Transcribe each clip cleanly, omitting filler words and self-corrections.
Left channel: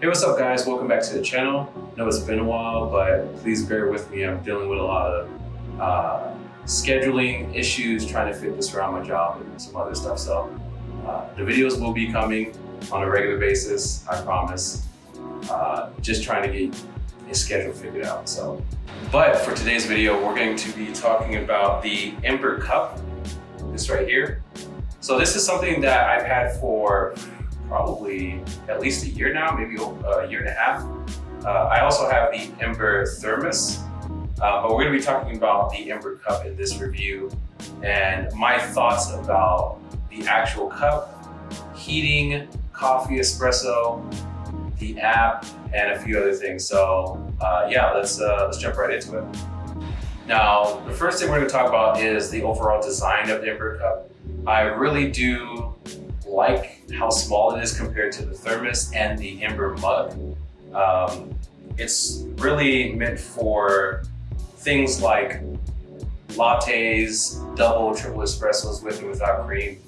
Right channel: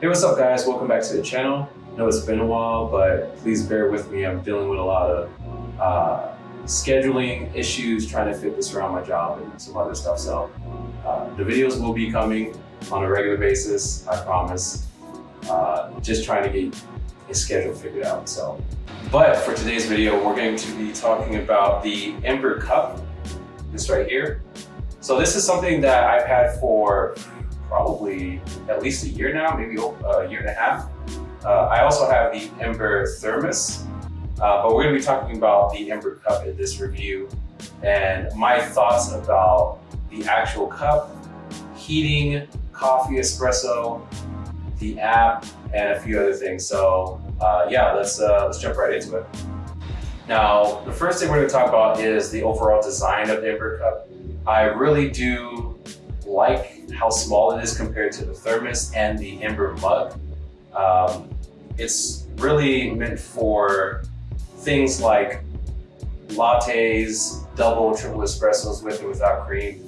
Hey, what's up guys? Welcome back to the channel. I know it's been a while, but please bear with me. I'm dealing with a lot of scheduling issues, trying to fit this around my job and some other stuff. So the videos will be coming on a regular basis, I promise. Just trying to get a schedule figured out. But for today's video, we're going to be talking about the Ember Cup, this right here. So this is something that I've had for probably at least a year now, maybe a year and a half. I also have the Ember Thermos, but we're gonna be talking about the Ember Cup in this review and my thoughts about the actual cup, heating, coffee, espresso, the app, and a few other things. So yeah, let's jump right into it. Now, the first thing we're gonna talk about is the overall design of the Ember Cup. I really do like how small it is compared to the thermos and the Ember mug. It's really meant for things like lattes, double, triple espressos with or without cream.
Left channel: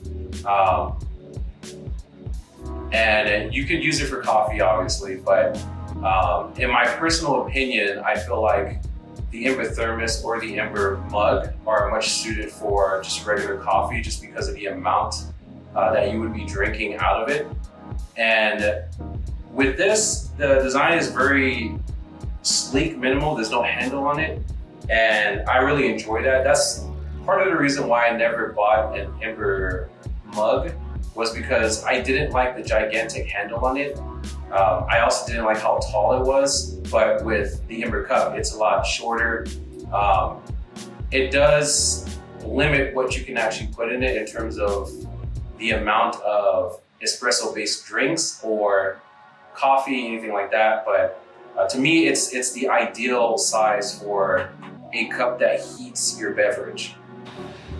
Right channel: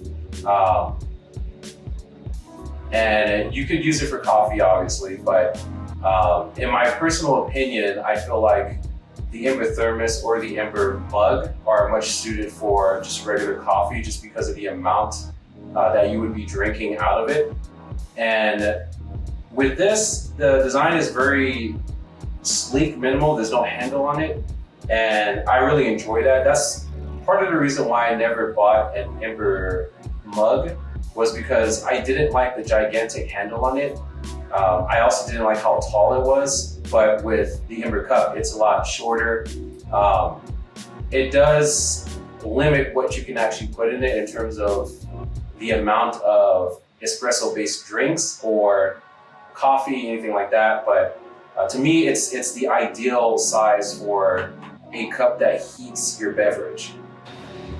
And you could use it for coffee, obviously, but in my personal opinion, I feel like the Ember Thermos or the Ember mug are much suited for just regular coffee, just because of the amount that you would be drinking out of it. And with this, the design is very sleek, minimal. There's no handle on it. And I really enjoy that. That's part of the reason why I never bought an Ember mug, was because I didn't like the gigantic handle on it. I also didn't like how tall it was, but with the Ember Cup, it's a lot shorter. It does limit what you can actually put in it in terms of the amount of espresso-based drinks or coffee, anything like that. But to me, it's the ideal size for a cup that heats your beverage.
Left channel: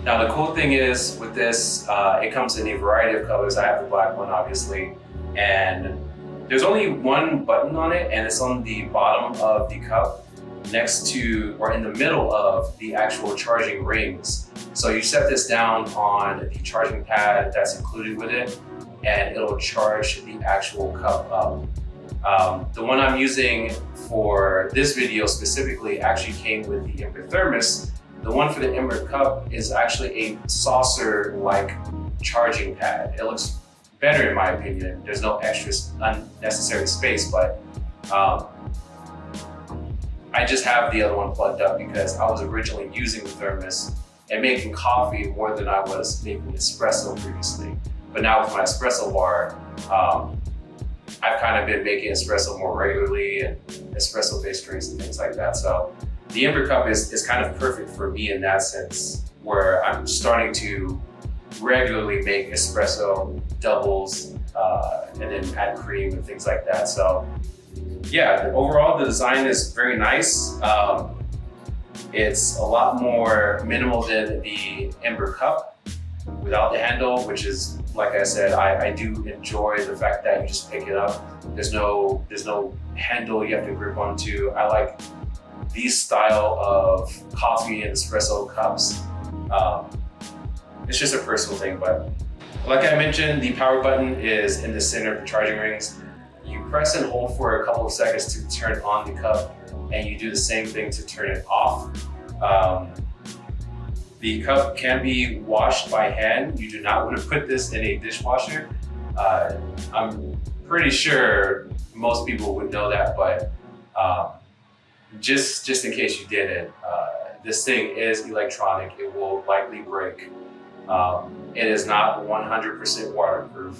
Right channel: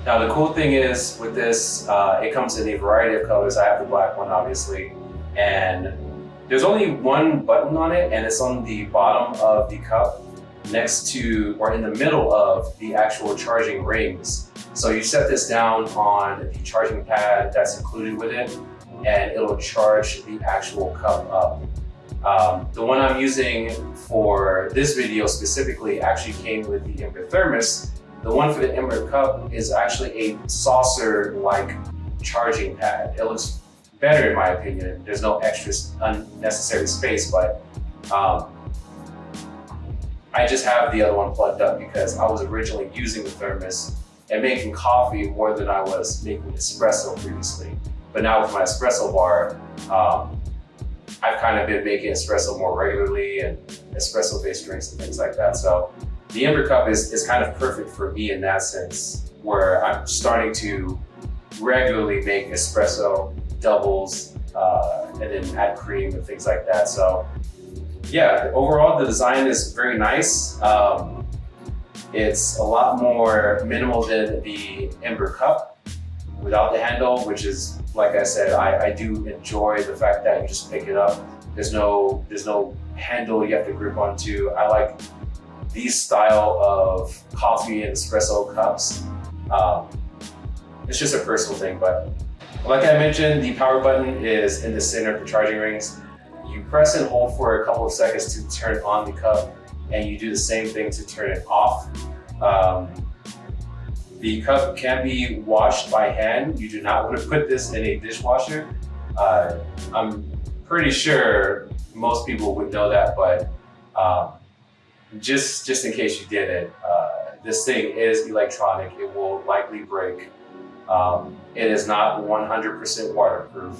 Now, the cool thing is with this, it comes in a variety of colors. I have the black one, obviously, and there's only one button on it, and it's on the bottom of the cup next to, or in the middle of the actual charging rings. So you set this down on the charging pad that's included with it, and it'll charge the actual cup up. The one I'm using for this video specifically actually came with the Ember Thermos. The one for the Ember Cup is actually a saucer-like charging pad. It looks better in my opinion. There's no extra unnecessary space, but I just have the other one plugged up because I was originally using the thermos and making coffee more than I was making espresso previously. But now with my espresso bar, I've kind of been making espresso more regularly and espresso-based drinks and things like that. So the Ember Cup is kind of perfect for me in that sense, where I'm starting to regularly make espresso doubles and then add cream and things like that. So yeah, overall the design is very nice. It's a lot more minimal than the Ember Cup without the handle, which is, like I said, I do enjoy the fact that you just pick it up. There's no handle you have to grip onto. I like these style of coffee and espresso cups. It's just a personal thing, but like I mentioned, the power button is in the center of the charging rings. You press and hold for a couple of seconds to turn on the cup, and you do the same thing to turn it off. The cup can be washed by hand. You do not want to put this in a dishwasher. I'm pretty sure most people would know that, but just in case you didn't, this thing is electronic. It will likely break. It is not 100% waterproof,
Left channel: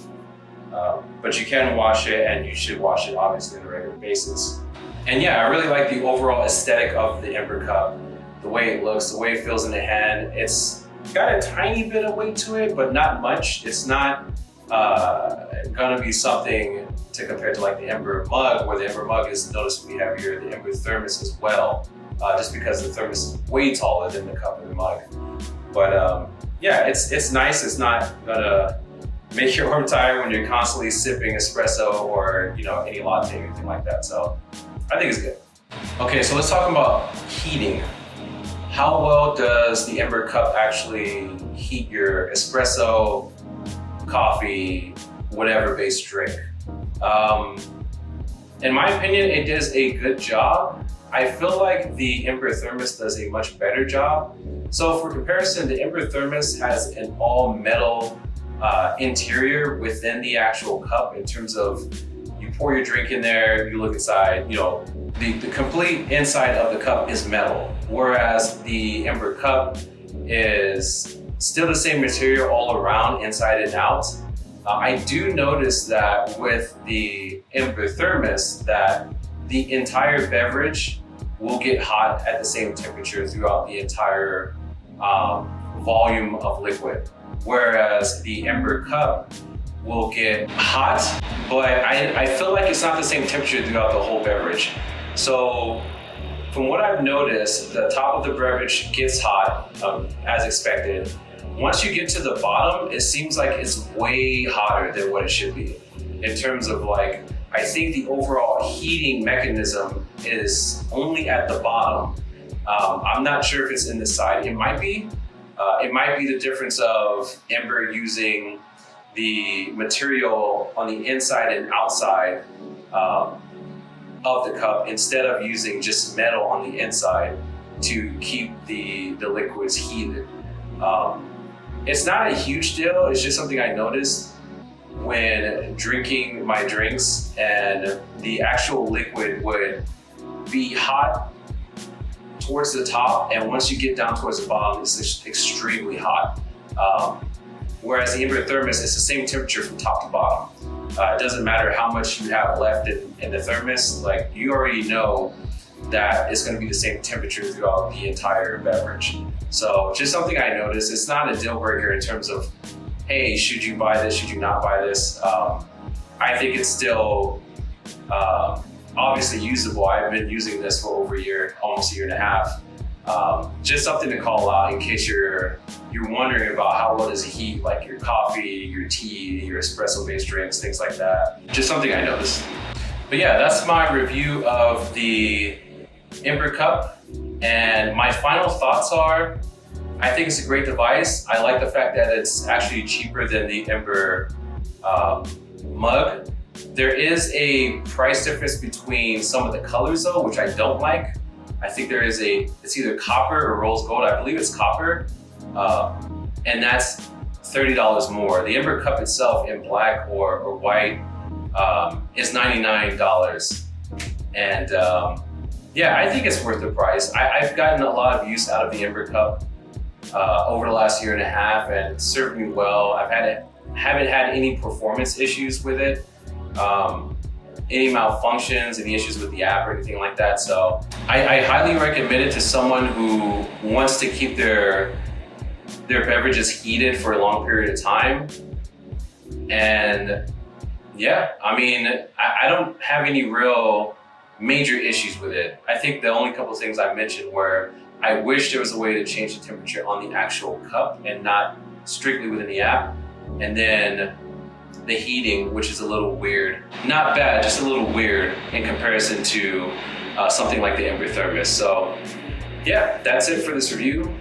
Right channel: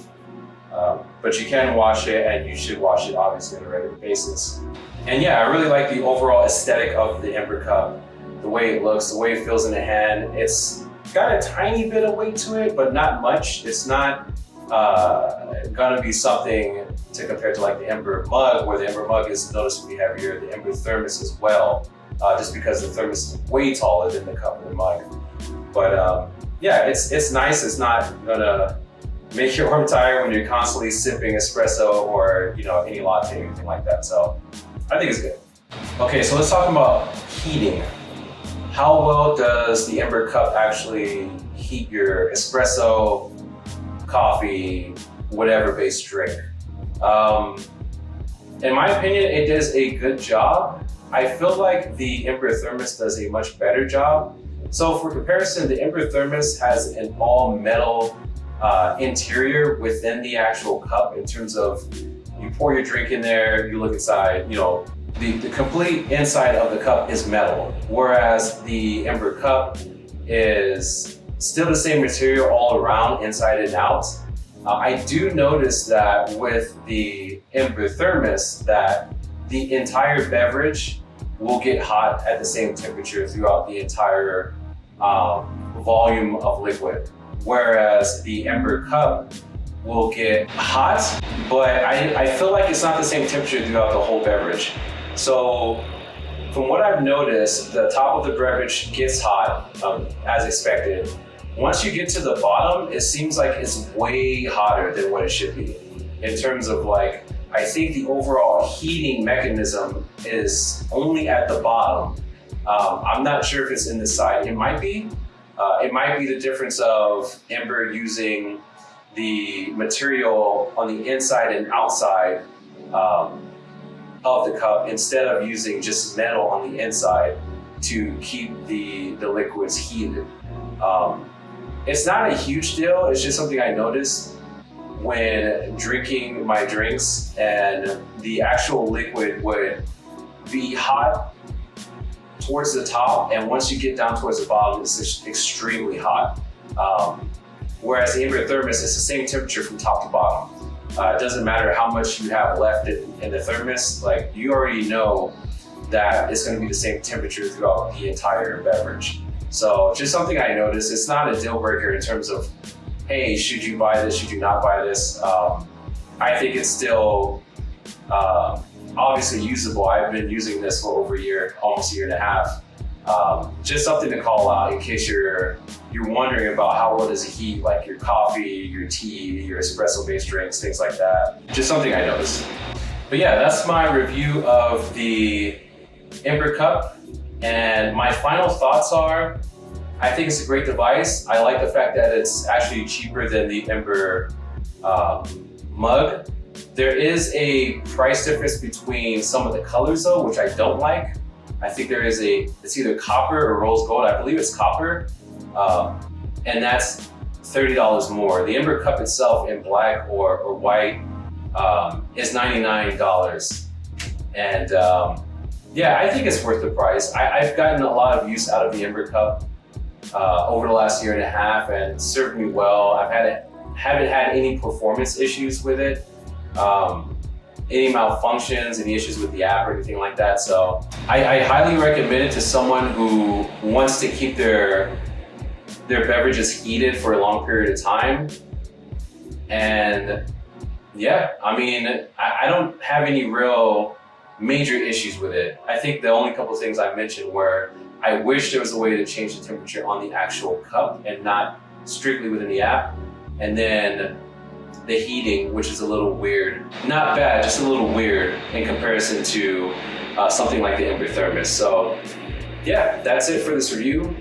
but you can wash it, and you should wash it obviously on a regular basis. And yeah, I really like the overall aesthetic of the Ember Cup. The way it looks, the way it feels in the hand. It's got a tiny bit of weight to it, but not much. It's not gonna be something to compare to like the Ember mug, where the Ember mug is noticeably heavier, the Ember Thermos as well, just because the thermos is way taller than the cup and the mug. But yeah, it's nice. It's not gonna make your arm tired when you're constantly sipping espresso or any latte or anything like that. So I think it's good. Okay, so let's talk about heating. How well does the Ember Cup actually heat your espresso, coffee, whatever based drink? In my opinion, it does a good job. I feel like the Ember Thermos does a much better job. So for comparison, the Ember Thermos has an all metal interior within the actual cup in terms of you pour your drink in there, you look inside, you know, the complete inside of the cup is metal. Whereas the Ember Cup is still the same material all around, inside and out. I do notice that with the Ember Thermos that the entire beverage will get hot at the same temperature throughout the entire volume of liquid. Whereas the Ember Cup will get hot, but I feel like it's not the same temperature throughout the whole beverage. So from what I've noticed, the top of the beverage gets hot as expected. Once you get to the bottom, it seems like it's way hotter than what it should be. In terms of like, I think the overall heating mechanism is only at the bottom. I'm not sure if it's in the side. It might be. It might be the difference of Ember using the material on the inside and outside of the cup instead of using just metal on the inside to keep the liquids heated. It's not a huge deal. It's just something I noticed when drinking my drinks, and the actual liquid would be hot towards the top, and once you get down towards the bottom, it's just extremely hot. Whereas the Ember Thermos is the same temperature from top to bottom. It doesn't matter how much you have left in the thermos, like you already know that it's going to be the same temperature throughout the entire beverage. So just something I noticed. It's not a deal breaker in terms of, hey, should you buy this, should you not buy this? I think it's still obviously usable. I've been using this for over a year, almost a year and a half. Just something to call out in case you're wondering about how well does it heat, like your coffee, your tea, your espresso-based drinks, things like that. Just something I noticed. But yeah, that's my review of the Ember Cup. And my final thoughts are, I think it's a great device. I like the fact that it's actually cheaper than the Ember mug. There is a price difference between some of the colors though, which I don't like. I think there is it's either copper or rose gold. I believe it's copper. And that's $30 more. The Ember Cup itself in black or white is $99. And yeah, I think it's worth the price. I've gotten a lot of use out of the Ember Cup over the last year and a half, and it's served me well. Haven't had any performance issues with it. Any malfunctions, any issues with the app or anything like that. So I highly recommend it to someone who wants to keep their beverages heated for a long period of time. And yeah, I mean, I don't have any real major issues with it. I think the only couple of things I mentioned were I wish there was a way to change the temperature on the actual cup and not strictly within the app. And then the heating, which is a little weird. Not bad, just a little weird in comparison to something like the Ember Thermos. So yeah, that's it for this review.